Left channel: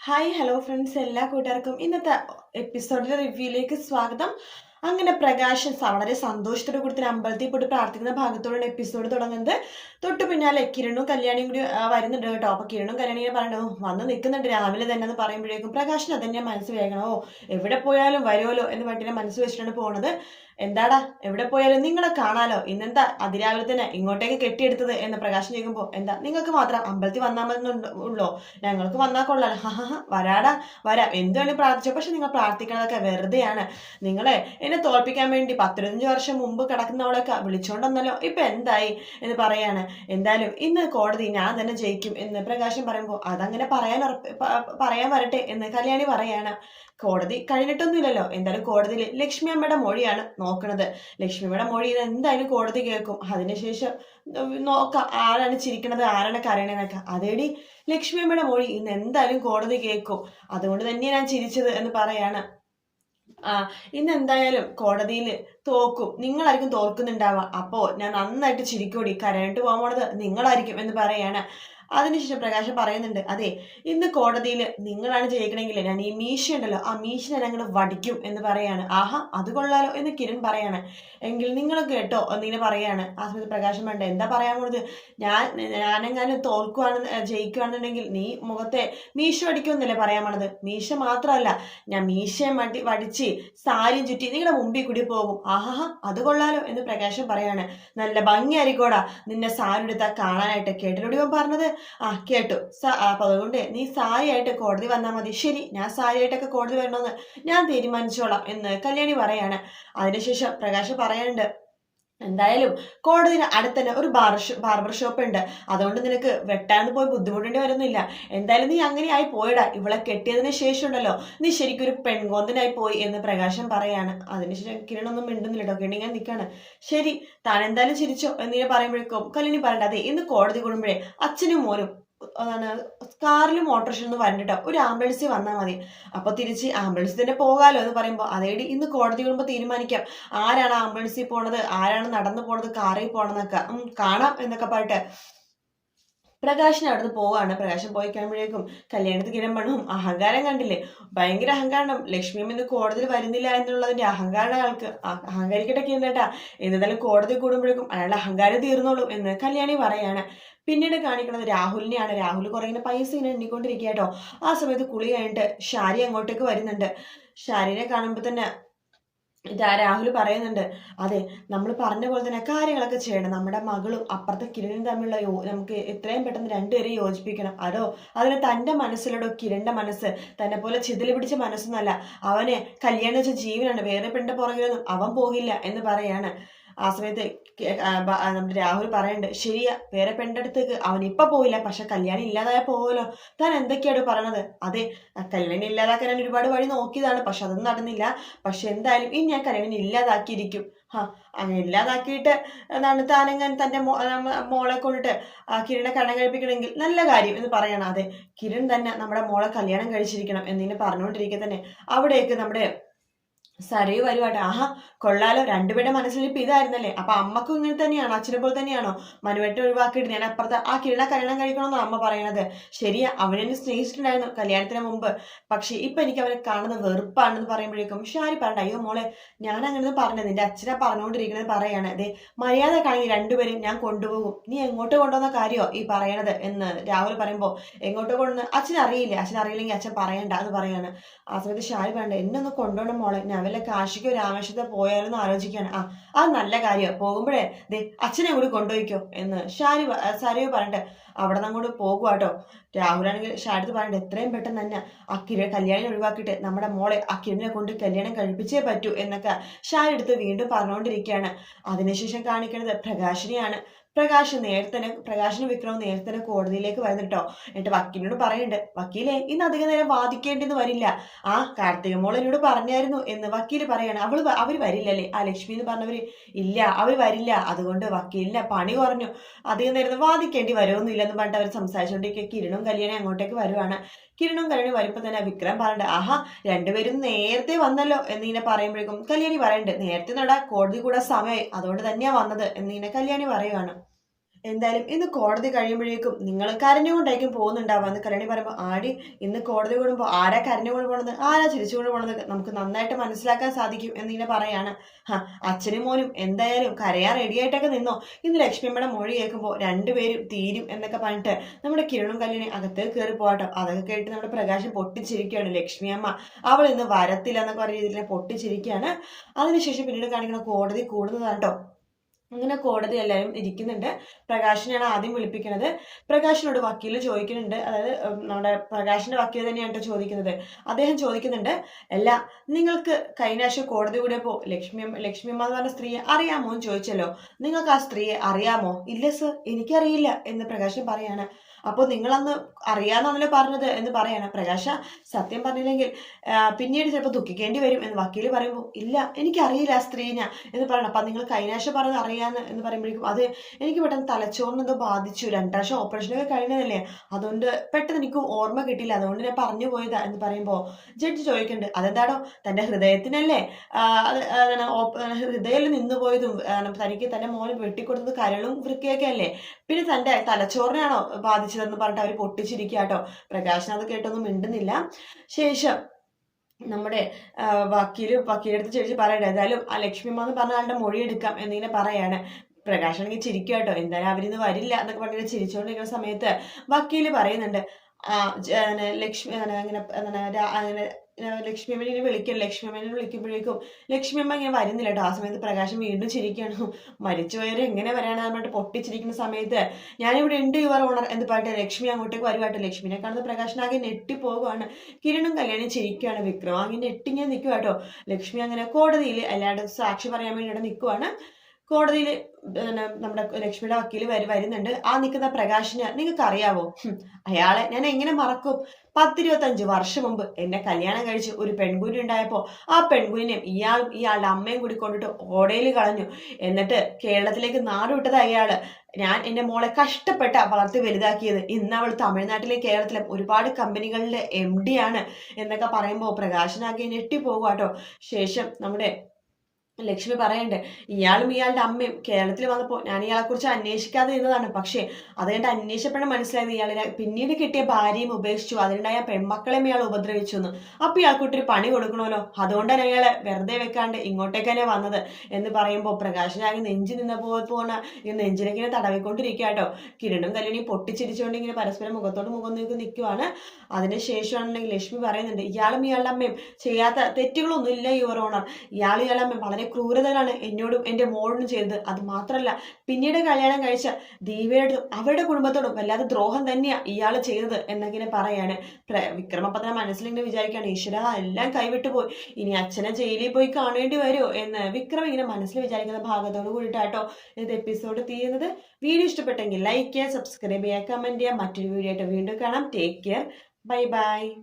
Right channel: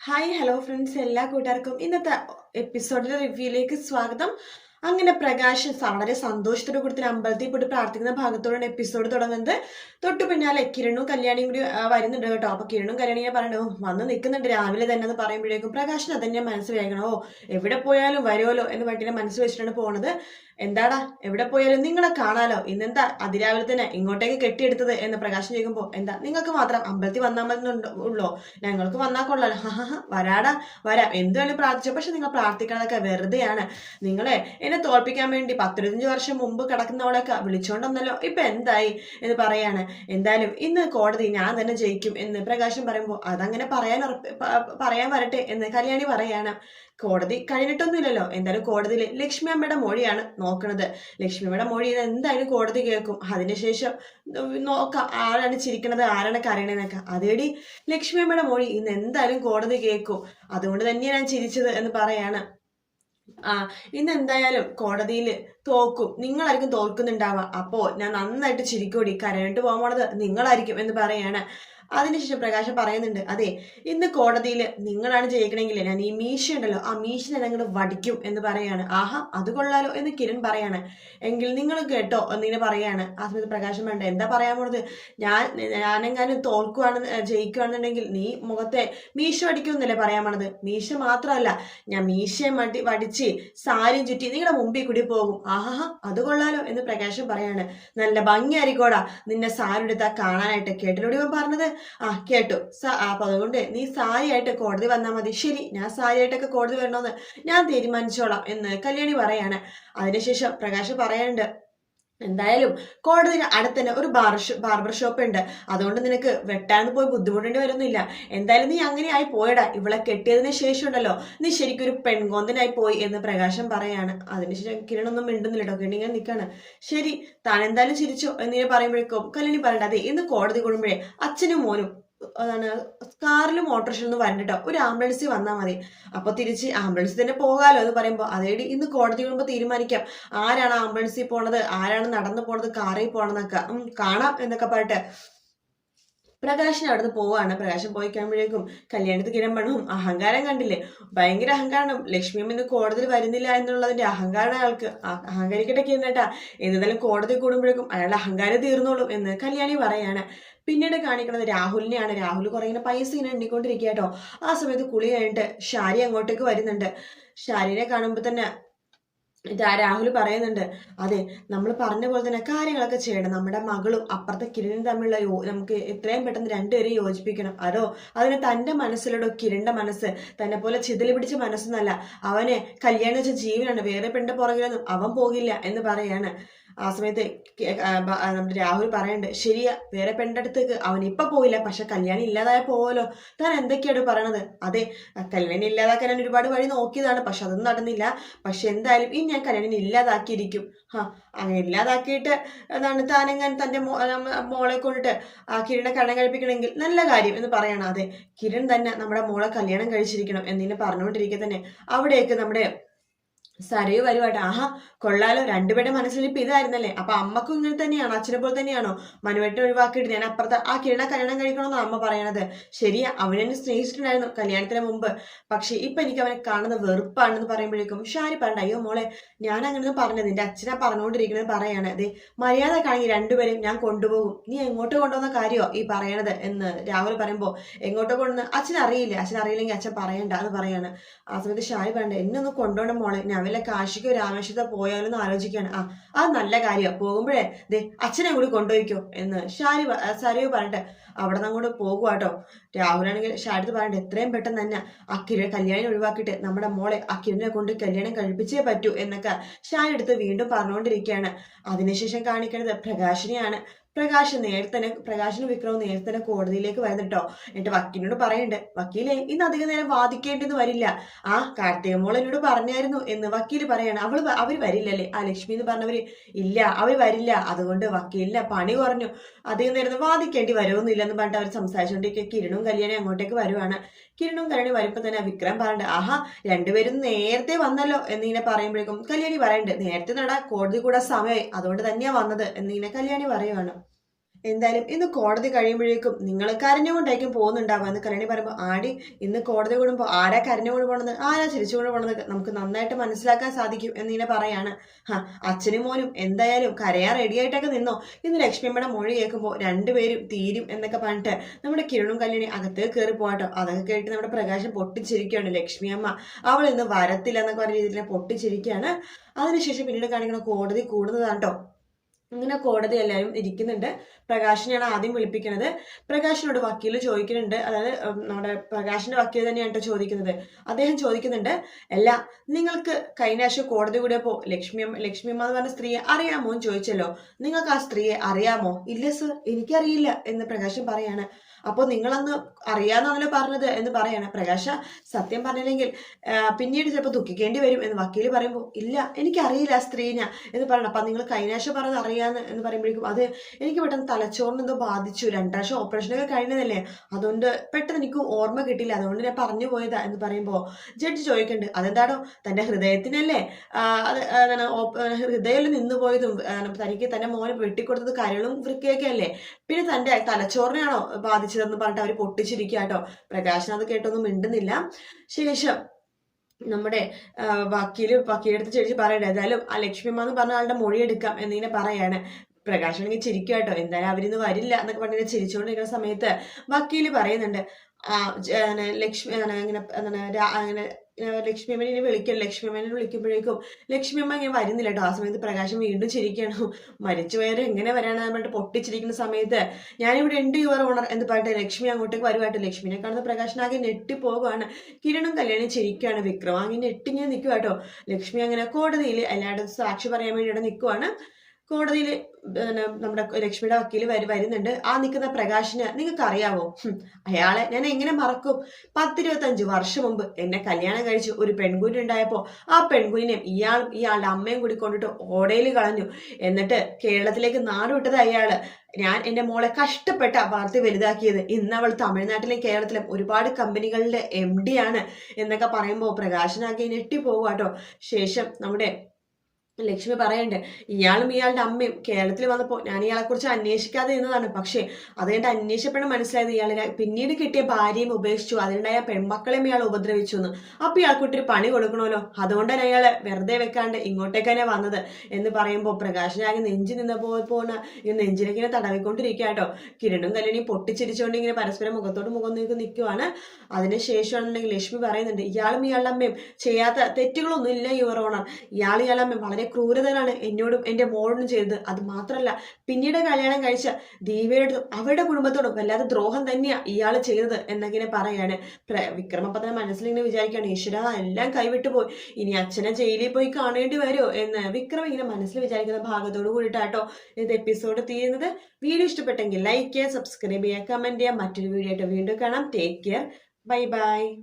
Hi hello friends എല്ലാ കൂട്ടുകാർക്കും ഇന്നത്തെ എപ്പിസോഡിലെ റിവ്യൂയിലേക്ക് സ്വാഗതം. അങ്ങനെ പ്രകാശൻ വളരെ സന്തോഷത്തോടെ കൂടി തന്നെ അമ്പലത്തിൽ പോയിട്ട് പ്രാർത്ഥിക്കുന്ന ഭാഗത്തോടാണ് എപ്പിസോഡ് തുടങ്ങുന്നത്. തൊട്ട് പിന്നാലെ കിരണും കല്യാണിയും കൂടി വരുന്നുണ്ട് കേട്ടോ. അപ്പൊ കിരണും കല്യാണിയെ "ഓ, വന്ന് നിൽക്കുന്നുണ്ട് രാവിലെ തന്നെ എന്ന് പറയുമ്പോഴേക്കും പ്രകാശൻ അതന്നെ മനസ്സ് വേഗണം? ഓ എവിടെ പോയാലും വരുമല്ലോ എന്ന് പറഞ്ഞിട്ട് മനസ്സ് വെച്ചിട്ടാണ് പോണത്. എന്താടാ എവിടെ പോയാലും നിങ്ങളെ കാണാലോ. ഇന്നെന്താ അതിരാവിലെ തന്നെ ഇങ്ങോട്ടേക്ക് കെട്ടിയെടുത്തത് എന്ന് പ്രകാശം ചോദിക്കുമ്പോൾ എന്താ നിങ്ങൾക്ക് മാത്രം അമ്പലത്തിൽ വന്നാൽ മതി ഉള്ളോ? ഞങ്ങൾക്ക് വന്നാൽ കൊള്ളാലോ. ഹാ വരാടാ വരാം. എന്തുവേണ്ടി പ്രാർത്ഥിച്ചത് പക്ഷെ നിങ്ങൾ പ്രാർത്ഥിക്കണതൊക്കെ വെറുതെയാണ്. നിങ്ങളെ എന്നെ തോൽപ്പിക്കാൻ വേണ്ടി പത്തിരുപത്തഞ്ച് വർഷം മുമ്പ് കിടക്കുന്നവളൊക്കെ വിളിച്ചോണ്ടെന്നല്ലോ. ഇപ്പൊ എന്തായി എന്ന് പറയാണ്. എന്തായാലും ഇന്ന് കോടതി ഞാൻ തന്നെ ജയിക്കും എന്ന് പ്രകാശം പറയുമ്പോൾ അതങ്ങനെ പറയാൻ പറയാൻ വരട്ടെ എന്ന് കല്യാണി പറയാണ്. കോടതി കഴിഞ്ഞിട്ടൊന്നുമില്ലല്ലോ. എന്തായാലും കോടതിയിൽ ലക്ഷ്മി അമ്മയുടെ മൊഴിയാണ് നോക്കുന്നത് ലക്ഷ്മി അമ്മയുടെ മൊഴി എന്തായാലും കോടതി കേൾക്കും. അതിനുശേഷം നോക്കാം ആരാണ് ചിരിക്കണത് ആരാണ് കരയണതെന്നൊക്കെ. അതേടി ലക്ഷ്മി അമ്മയുടെ മൊഴി ഇന്ന് എന്തായാലും കോടതി കേൾക്കും. അതുകൊണ്ട് തന്നെയാണ് ഞാൻ ചിരിച്ചത് എന്ന് പറയാണ്. ആ ഇന്ന് എന്തായാലും കോടതിയിൽ തോക്കും. നിങ്ങളായിരിക്കും തോൽക്കുന്നുണ്ടാവുക. അപ്പോൾ ഞാൻ നന്നായിട്ട് ചിരിക്കൂടി. കരഞ്ഞിട്ട് പോകാൻ പോണത് നിങ്ങളായിരിക്കും എന്ന് പറയാണ്. അതിനുശേഷം പ്രകാശം പറയുന്നുണ്ട് അതെ ഇന്ന് കോടതിയിൽ നിങ്ങളാണ് ജയിക്കണമെങ്കിൽ ഞാൻ ഈ മീശ ഉണ്ടല്ലോ ആ മീശനെ അങ്ങോട്ട് വടിക്കും എന്ന് പറയാണ്. ആഹാ അത് കൊള്ളാലോ എന്ന് കിരൺ പറയാണ്. എങ്കിൽ നിങ്ങൾ കേട്ടോ എന്നിങ്ങനെ പറയാണ്. ആ സമയത്ത് പ്രകാശം വേണ്ട എന്താ പറയാൻ പോണത്? ഞാൻ ഞാനെങ്ങാനും തോൽക്കുവാണെന്ന് ജയിക്കുകയാണെന്നുണ്ടെങ്കിൽ നീ മുഖത്തെ മീശ വടിക്കുമെന്നല്ലേ പറയാൻ പോണത്? മീശ മാത്രമല്ല ഞാൻ മീശയെ മടി വടിച്ച് സാരിയും ചുറ്റി നിങ്ങളുടെ മുമ്പിൽ കൂടി പോകും. ആഹാ അത് കൊള്ളാലോ എന്ന് പ്രകാശം പറയാണ്. നല്ല ഭംഗിയായിരിക്കോടാ നിന്നെ സാരി എടുത്താൽ കാണാനായിട്ട് കേട്ടിലൂടെ പറഞ്ഞത്? ആ കേട്ടു. അപ്പൊ അതുകൊണ്ട് നീ സാരിയായിട്ട് കോടതി വന്നാൽ മതി. ശരി ഞാൻ സാരിയായിട്ടൊക്കെ കോടതി വരണമെന്ന് ഞാൻ തീരുമാനിച്ചോളാം എന്ന് കല്യാണി പറയാണ്. അതിനുശേഷം പ്രകാശ് പറയാനുണ്ട് എന്തായാലും കോടതിന് അടുത്ത് തന്നെ ഒരു ബാർ ബാർബർ ഷോപ്പ് ഉണ്ട് അതുകൊണ്ട് നിനക്ക് വെട്ടാണ്ട് പോയി ബുദ്ധിമുട്ടേണ്ടി വരുന്നില്ല. എന്തായാലും നീ അങ്ങനെ ആയി പോയടാ. ഇവളെ കെട്ടിയതിന് ശേഷം ഉണ്ടല്ലോ നീ ശരിക്കും ഒരു പെൺകോന്തനായി പോയി എന്ന് പ്രകാശം പറയാണ്. അതിനുശേഷം കിരണൊന്നും മിണ്ടുന്നില്ല കേട്ടോ. ഞാൻ നിൽക്കാണ് ശരി താൻ എന്തായാലും ചിരിച്ചോ എന്നിങ്ങനെ പറയുമ്പോഴേക്കും കല്യാണി പറയണ്ട അതെ ഇന്ന് കോടതി കൂടുമ്പോഴേ അച്ഛനും മോനും അതാണ് കാറിലും ഓട്ടോറിക്ഷയിലൊന്നും വരണ്ട കേട്ടോ ഒരു ആംബുലൻസിൽ വന്നാൽ മതി. അപ്പോൾ തിരിച്ച് ആംബുലൻസിൽ തന്നെ പോകാമല്ലോ എന്ന് പറയുമ്പോൾ അതേടി ഇന്ന് കോടതി വരുമ്പോൾ തീരുമാനിക്കാം. ആരാണ് ആംബുലൻസിൽ പോണത്? ആരാണ് നടന്നു പോണത്? കാറിൽ പോണെന്നൊക്കെ. ഉം, കാണാം എന്നൊക്കെ പറഞ്ഞിട്ട് പ്രകാശിന് അവിടുന്ന് പോവാണ്. പ്രകാശം പോയി കഴിയുമ്പോഴേക്കും കല്യാണത്തിന് കിരമ്പണവും അഹങ്കാരം കണ്ടില്ലേ? ഭയങ്കര അഹങ്കാരം ലക്ഷ്മിയും ഇന്ന് കോടതിയിൽ വരുന്നില്ല എന്നുള്ളതിന്റെ അഹങ്കാരം അയാൾക്ക്. അഹങ്കരിക്കട്ടൊക്കെ അഹങ്കരിക്കട്ടെ കേട്ടാ. എന്നിരുന്നാലും കോടതി കൂടുമ്പോഴേക്കും അയാളുടെ അഹങ്കാരം തീർന്നോളും എന്ന് കല്യാണി പറയാണ്. പിന്നീട് കാണിക്കുന്നത് രാഹുലിനെയാണ്. രാഹുൽ കുറെ ഇങ്ങനെ പൈസ ഇങ്ങനെ എണ്ണിക്കൊണ്ടിരിക്കുക കേട്ടോ ആ സമയത്ത് കുളി കഴിഞ്ഞിട്ട് ഷാരി അങ്ങോട്ടേക്ക് വരുന്നുണ്ട്. ഷാരിനെ കാണുമ്പോൾ തന്നെ ഇതാ രാഹുൽ പറയുന്നുണ്ട് അതെ നമ്മൾ പറഞ്ഞ പോലെ തന്നെ കാര്യങ്ങളൊക്കെ ചെയ്യണം. നമ്മുടെ മകളും അപ്പുറത്തെ കിരണിനും തമ്മിലുള്ള യോ നമുക്ക് എത്രയും പെട്ടെന്ന് രണ്ടുപേരെയും യോജിപ്പിക്കണം. അതോ അതിന് തന്റെ മനസ്സിലൂടെ കിരണിന്റെ മനസ്സ് തന്നെ പോലെ ചിതലി പിടിച്ച മനസ്സെന്നല്ല അവനെ കല്യാണം വെച്ച ജീവനാണ്. വേറെ പെണ്ണിന്റെ പുറകിലൊന്നും അവൻ പോകില്ല എന്ന് പറയാണ്. ആ സമയത്ത് നമ്മുടെ രാഹുൽ പറയുന്നുണ്ട് ശരിയാ വേറെ പെണ്ണടുത്തേക്ക്. അവൻ ഇപ്പൊ പോയില്ല പക്ഷെ കല്യാണം ഇല്ലാതായ പോവല്ലോ. താൻ എന്തൊക്കെയാണ് പറയണത്? അതെ കല്യാണം ഇല്ലാതാക്കാൻ ഞാൻ ഒരുപാട് വഴി നോക്കിയതാണ് പക്ഷെ അതൊന്നും നടന്നില്ല. പക്ഷെ എന്തായാലും ഇനി ഞാൻ കല്യാണം ഇല്ലാതാക്കിയിരിക്കും. ആ അങ്ങനെ ഇല്ലാതാക്കിയിട്ട് എന്താണ് താനെങ്ങാൻ തന്റെ മോ മോളെ കൊണ്ടിട്ട് ആ കിരണിനെ കണ്ണം കഴിപ്പിക്കണമെങ്കിൽ നല്ല കാര്യം എന്ന് പറയണം. അതെ കിരൺ തന്നെ നമ്മുടെ മോളെ കല്യാണം കഴിച്ചിരിക്കണം എന്നിങ്ങനെ പറഞ്ഞുകൊണ്ടിരിക്കെ തന്നെ. അവിടേക്ക് നമ്മുടെ സരയു വരുവാട്ടെ ആഹാ കൊള്ളാലോ രണ്ടുപേരുടെ മനസ്സിലിപ്പ് ഇതായിരുന്നല്ലേ? അപ്പൊ അമ്മക്കും ഇങ്ങനെ തന്നെയാണോ? അച്ഛനെ പോലെ തന്നെയാണോ? മനുവേട്ടൻ ഒഴിവാക്കിയിട്ട് ഞാൻ അപ്പുറത്ത് ആ കിരണ കല്യാണം കഴിക്കണമെന്നാണ് അമ്മ പറയണത്. ശരിയാ അവനെന്നെ സ്നേഹിച്ചിട്ടുണ്ടായിരുന്നു കല്യാണത്തിന് മുമ്പ്. പക്ഷെ ഇപ്പൊ എനിക്ക് അവനെ കാണുന്നത് വെറുപ്പാണെന്ന് പറയുമ്പോഴേക്കും ഷാരി പറയണ്ട അയ്യോ മോളെ ഞാൻ അങ്ങനെ പറഞ്ഞത് നിന്റെ അച്ഛനെ പറഞ്ഞുകൊണ്ടിരിക്കുന്നത് പറയാണ്. അതെ മര്യാദ കാണി രണ്ടുപേരും ഞാൻ കൊണ്ടുപോകും. നീ എങ്ങോട്ട് കൊണ്ടുവന്ന കാര്യമോ ഈ പറയണത്? എന്ന് രാഹുൽ പറയുമ്പോൾ എങ്ങോട്ട് കൊണ്ടുവന്ന്? അച്ഛൻ അറിയില്ല അച്ഛൻ അറിയില്ലെങ്കിൽ അച്ഛൻ പറയണ്ട എന്ന് പറയാണ്. ആ സമയത്ത് ഷാരി പറയണ്ട എന്നെ ഒന്ന് കൊണ്ടുപോകണം മോളെ. ഞാൻ വല്ല കാശിക്ക് രാമേശ്വരത്തോ പോയാലോ എന്ന് ആലോചിക്കുകയാണ്. ആ അത് നല്ല കാര്യമാണ് പോകുമ്പോഴേ ദേ അച്ഛനെ കൂടി കൊണ്ടുപോയിക്കോ എന്ന് ഷാരി സരയു പറഞ്ഞിട്ട് അവിടെ നിന്ന് അങ്ങോട്ട് പോകുവാട്ടോ. രാഹുലാണെങ്കിൽ ഷാരദ് പറഞ്ഞിട്ട് എത്രയും പെട്ടെന്ന് തന്നെ അക്കിരെ കിര കല്യാണം ഒഴിവാക്കിയിട്ട് നമ്മുടെ മോളെ അക്കിരനെ കൊണ്ട് കല്യാണം കഴിപ്പിച്ചേ പറ്റൂ എന്നൊക്കെ ഷാരി എടുത്ത് വീണ്ടും പറഞ്ഞുകൊണ്ടിരിക്കുകയാണ്. അതിനുശേഷം കാണിക്കുന്നത് പ്രകാശിനെയാണ്. പ്രകാശ് നേരത്തെ പ്രകാശിന് വിക്രവും നേരത്തെ കോടതിയിലേക്ക് വരുന്നുട്ടോ എന്നിട്ട് വക്കീലിനോട് പറയുന്നുണ്ട് വക്കീലെ ഇന്ന് അധികം നേരം വാദിക്കേണ്ടെന്ന് വരില്ല. ആ കാർത്തിക മോൾ എന്നോട് പറഞ്ഞായിരുന്നു എന്ന് വക്കീൽ പറയാണ്. അവൾ അവർ വരില്ലല്ലേ? ആ ലക്ഷ്മി എന്ന് പറഞ്ഞവര് ഇല്ല അവർ വരില്ല. അതുകൊണ്ട് വക്കീലിനെ പണി കുറഞ്ഞു. അധികം നേരം വാദിക്കേണ്ടി വരുമൊന്നുമില്ലെന്ന് പറഞ്ഞിട്ട് അവർ സംസാരിച്ചുകൊണ്ടിരിക്കുക കിരണും കല്യാണി അങ്ങോട്ടേക്ക് വരുവാണ്. കിരണും കല്യാണി വരുമ്പോൾ തന്നെ വിക്രം പറയണ്ട ആഹാ രണ്ടുപേരും നേരത്തെ വന്നല്ലോ എന്നിങ്ങനെ പറയുമ്പോഴേക്കും കല്യാണി പറയണ്ട് നേരത്തെ നട കോടതി കൂടെ സമയമായി അതുകൊണ്ട് തന്നെയാ വന്നത് എന്നിങ്ങനെ കല്യാണി പറയുവാണ്. എന്തായാലും ഇന്ന് കോടതി കഴിയുമ്പോഴേക്കും നിങ്ങൾ കരഞ്ഞുകൊണ്ടായിരിക്കും പോകുന്നുണ്ടാവുക എന്ന് കല്യാണി പറയുമ്പോൾ ആടി ഇന്ന് കോടതി കൂടുമ്പോൾ ആരാ കരഞ്ഞുകൊണ്ട് പോകണത് ആരാ ചിരിച്ചുകൊണ്ട് പോകണത് നമുക്ക് നന്നായിട്ട് മനസ്സിലാക്കാൻ സാധിക്കും എന്നിങ്ങനെ പറയാണ്. ഹാ അച്ഛനും മോനും എന്തായാലും കരയാൻ റെഡിയായിട്ടൊക്കെ നിന്നോ? ഇന്ന് ലക്ഷ്മിയമ്മയുടെ മൊഴി കേൾക്കുമ്പോൾ രണ്ടുപേരും തീരും എന്നൊക്കെ പറഞ്ഞിട്ട് നമ്മുടെ കിരണും കല്യാണി അകത്തേക്ക് കയറി പോകട്ടോ അതൊക്കെ കേട്ട് നമ്മുടെ പ്രകാശം പൊട്ടിച്ചിരിക്കുകയാണ് ലക്ഷ്മിയമ്മ. അവൾ ഇന്ന് വരത്തില്ല എന്നൊക്കെ പറഞ്ഞ രീതിയിൽ പൊട്ടിച്ചിരിക്കുകയാണ്. അതിനുശേഷം പിന്നീട് കാണിക്കുന്ന കോടതി കൂടുന്നതാണ് കേട്ടോ അങ്ങനെ കോടതി എല്ലാവരും ഇരിക്കുന്നുണ്ട്. പ്രകാശിനെയാണ് ആദ്യം വിളിപ്പിക്കുന്നത്. പ്രകാശിനോട് വക്കീൽ ചോദിക്കുന്നുണ്ട്. അതായത് നമ്മുടെ പ്രകാശിന്റെ വക്കീൽ തന്നെയാണ് ചോദിക്കുന്നത്. അദ്ദേഹം ചോദിക്കുന്നുണ്ട് അല്ല നിങ്ങൾക്ക് ആഴ്ച കോടതി കൂടിയപ്പോൾ ലക്ഷ്മി ലക്ഷ്മി അമ്മ എന്ന് പറഞ്ഞ സ്ത്രീയെ അറിയാമോ? എന്ന് ചോദിച്ചല്ലോ. നിങ്ങൾക്ക് ആ സ്ത്രീയെ അറിയാമോ? ഇല്ല സർ എനിക്കറിയില്ല എന്ന് പ്രകാശൻ പറയാണ്. അപ്പോൾ നിങ്ങളന്ന് അറിയാന്നാണല്ലോ പറഞ്ഞത് എന്ന് പറയാണ്. പ്രകാശ സത്യം പറഞ്ഞില്ലെങ്കിൽ പിന്നീട് ചിലപ്പോൾ ദുഃഖിക്കേണ്ടി വരും എന്ന് വക്കീൽ പറയുമ്പോൾ ഇല്ല എനിക്കറിയില്ല ആ സ്ത്രീനെ എന്ന് പറയണം. അപ്പം നിങ്ങൾ കഴിഞ്ഞാഴ്ച പറഞ്ഞത് അറിയാന്ന് എന്ന് പറയുമ്പോഴേക്കും അത് എനിക്ക് പെട്ടെന്ന് തലച്ചോറിന് എന്തോ ബാധിച്ചു. രണ്ടാഴ്ച ഓപ്പറേഷനൊക്കെ കഴിഞ്ഞതല്ലേ? അതുകൊണ്ട് പെട്ടെന്ന് എനിക്ക് ഓർമ്മ കിട്ടിയില്ല. അതുകൊണ്ട് ഞാൻ പറഞ്ഞു പോയതാ എന്ന് പറയുമ്പോൾ ജഡ്ജ് ചോദിക്കുന്നുണ്ട് അതെന്താണോ തന്റെ ഹൃദയത്തിനല്ലേ? അത് ഹൃദയത്തിൽ നിന്നു പോയതും തനിക്ക് തന്റെ മോനെ വെട്ടിക്കൊടുത്തത് കരളും വൃക്കയൊക്കെ അല്ലേ? പിന്നെ തന്റെ തലച്ചോറിനെയാണോ ബാധിച്ചതെന്ന് പറഞ്ഞിട്ട് അവർ പൊട്ടിച്ചിരിക്കുക കേട്ടോ. പ്രകാശൻ അത് കേട്ടൊന്നും മിണ്ടുന്നില്ല. ശേഷം നമ്മുടെ വക്കീൽ വക്കീലെടുത്ത് ചേച്ചി പറയട്ടെ ഏതായാലും ആ ലക്ഷ്മിമ്മ എന്ന് പറഞ്ഞ ആളുടെ മൊഴി എടുക്കാം എന്നിങ്ങനെ പറയാണ്. പ്രകാശാണെങ്കിൽ ചിരിക്കുക കേട്ടോ. എന്തായാലും അവരിന്ന് വരില്ല എന്നൊക്കെ പറഞ്ഞിട്ട് ചിരിച്ചുകൊണ്ടിരിക്കുന്ന സമയത്ത് വക്കീൽ പറയുന്നുണ്ട് ലക്ഷ്മി അങ്ങനെ അങ്ങനെ ലക്ഷ്മി ഇങ്ങനെ വിളിക്കണം ലക്ഷ്മി അമ്മനെ വിളിക്കുമ്പോഴേക്കും ലക്ഷ്മി അമ്മ ഇങ്ങനെ വരുന്നില്ല കേട്ടോ ആ സമയത്ത് പ്രകാശം വീണ്ടും ചിരിക്കണം. മരിച്ചുപോയവർ എങ്ങനെ വരാനാന്ന് പറഞ്ഞിട്ട് പൊട്ടിച്ചിരിക്കുന്ന സമയത്ത് ഞാനിവിടെ ഉണ്ട് യുവർ ഓണർ എന്ന് പറഞ്ഞിട്ട് ലക്ഷ്മി അങ്ങോട്ടേക്ക് വരുവായിട്ട് ലക്ഷ്മിനെ കാണുന്ന പ്രകാശനാകെ ഞെട്ടിപ്പോകുവാണ്. കിരണും കല്യാണം ചിരിക്കുകയാണ് വിക്രം അങ്ങനെ ഞെട്ടിങ്ങനെ നിൽക്കുക കേട്ടോ ലക്ഷ്മി അങ്ങനെ കോടതിയിൽ എല്ലാവരുടെ സാക്ഷി പറയാൻ വേണ്ടിയിട്ട് നിൽക്കുവാണ് കോടതിയിൽ നമ്മുടെ ലക്ഷ്മിയുടെ വക്കീൽ വരി വരുന്നുണ്ട്. ആ നിൽക്കുന്ന പ്രകാശിനെ നിങ്ങൾക്ക് അറിയാവോ അയാളെ ഞാൻ എങ്ങനെ മറക്കും? പത്തിരുപത്തഞ്ച് വർഷം മുമ്പ് എന്നെ കല്യാണം കഴിച്ച് ഒരു പെൺകുഞ്ഞി ഉണ്ടായപ്പോൾ ആ പെൺകുഞ്ഞിനെ ഇയാളും ഇയാളുടെ അമ്മയും കൂടി കൊണ്ടിട്ട് ഓടയിൽ കളഞ്ഞു. എന്നിട്ട് കേരളത്തിലേക്ക് നാടുവിട്ടത് അയാൾ ഞാൻ എന്റെ മോളെ കഷ്ടപ്പെട്ട വളർത്തി വലുതാക്കിയത്. ഇന്ന് അവൾ തമിഴ്നാട്ടിലും കേരളത്തിലും ഒരുപാട് കമ്പനികളുടെ എം ഡി ആണ് എന്നൊക്കെ പറയുമ്പോൾ പ്രകാശനാകെ ഞെട്ടിപ്പോകുക കേട്ടോ ശേഷം നമ്മുടെ ലക്ഷ്മി പറയണ്ടേ ഇയാളും ഇയാളുടെ അമ്മയും കേരളത്തിൽ വന്നപ്പോൾ ഞാൻ ഇയാളെക്കുറിച്ച് അന്വേഷിക്കാതെ നിന്നതാണ്. പക്ഷേ അതുകൊണ്ട് അന്വേഷിച്ചപ്പോഴും മനസ്സിലായത് ഇയാളെ പിന്നീട് കിട്ടിയ ഭാര്യയും ഉപേക്ഷിച്ചു. അതിനുണ്ടായ പെൺമക്കളെയും ഇയാൾ ഉപദ്രവിച്ചു എന്ന് അപ്പോൾ ഇയാൾക്കൊട്ടൊരു പണി കൊടുക്കണമല്ലോ. അതുകൊണ്ടാണ് അയാൾ വെറുതെ വെക്കാണ്ട് ഇങ്ങോട്ടേക്ക് തന്നെ വന്നത് എന്ന് പറയുമ്പോൾ പ്രകാശനാകെ നെഞ്ചി നിന്ന് പോകുന്ന ഇങ്ങനെ നെഞ്ചിനെങ്ങനെ തടവിക്കൊണ്ടിരിക്കുക കേട്ടോ. കിരണും കല്യാണി പൊട്ടിച്ചിരിച്ചുകൊണ്ട് ഇങ്ങനെ പരസ്പരം മുഖത്തോട്ട് മുഖം നീക്കി നിൽക്കുവാണ് അതിനുശേഷമാണെന്നുണ്ടെങ്കിൽ ലക്ഷ്മി പറയുന്നുണ്ട് ഇയാളും ഇയാളുടെ അമ്മയും ചെയ്യാത്ത തെറ്റുകളൊന്നും ഇല്ല യുവർ ഓണർ. ഇയാൾ ഇയാളുടെ വളരെ ക്രൂരതകളാണ് എന്നോടും എന്റെ മോളിനും ചെയ്തത്. അത് മാത്രമല്ല പിന്നീട് കല്യാണം കഴിച്ച ദീപയുടെ അവരുടെ കുടുംബത്തോടും വല്ലാതെ ദ്രോഹം തന്നെയാണ് ഇയാൾ ചെയ്തത് എന്നൊക്കെ പറയാണ്. വിക്രമപത്ര മനസ്സിലിങ്ങനെ വിചാരിക്കുകയാണ് ഈശ്വര എല്ലാം കൈവിട്ടു പോയി. ഇനി അച്ഛനെ ജയിലിൽ പോയി കാണേണ്ടി വരുമോ എന്ന് വിക്രം ഇങ്ങനെ മനസ്സിൽ വിചാരിക്കുന്ന ഭാഗത്തോട് കൂടിയിട്ടാട്ടോ ഇത് എപ്പിസോഡ് തീരുന്നത്. വീഡിയോ ഇഷ്ടപ്പെട്ടെങ്കിൽ ലൈക്ക് ചെയ്യുക സബ്സ്ക്രൈബ് ചെയ്യുക കമന്റ് ചെയ്യുക. മറ്റൊരു വീഡിയോ ആയിട്ട് വീണ്ടും കാണാം. Take care bye bye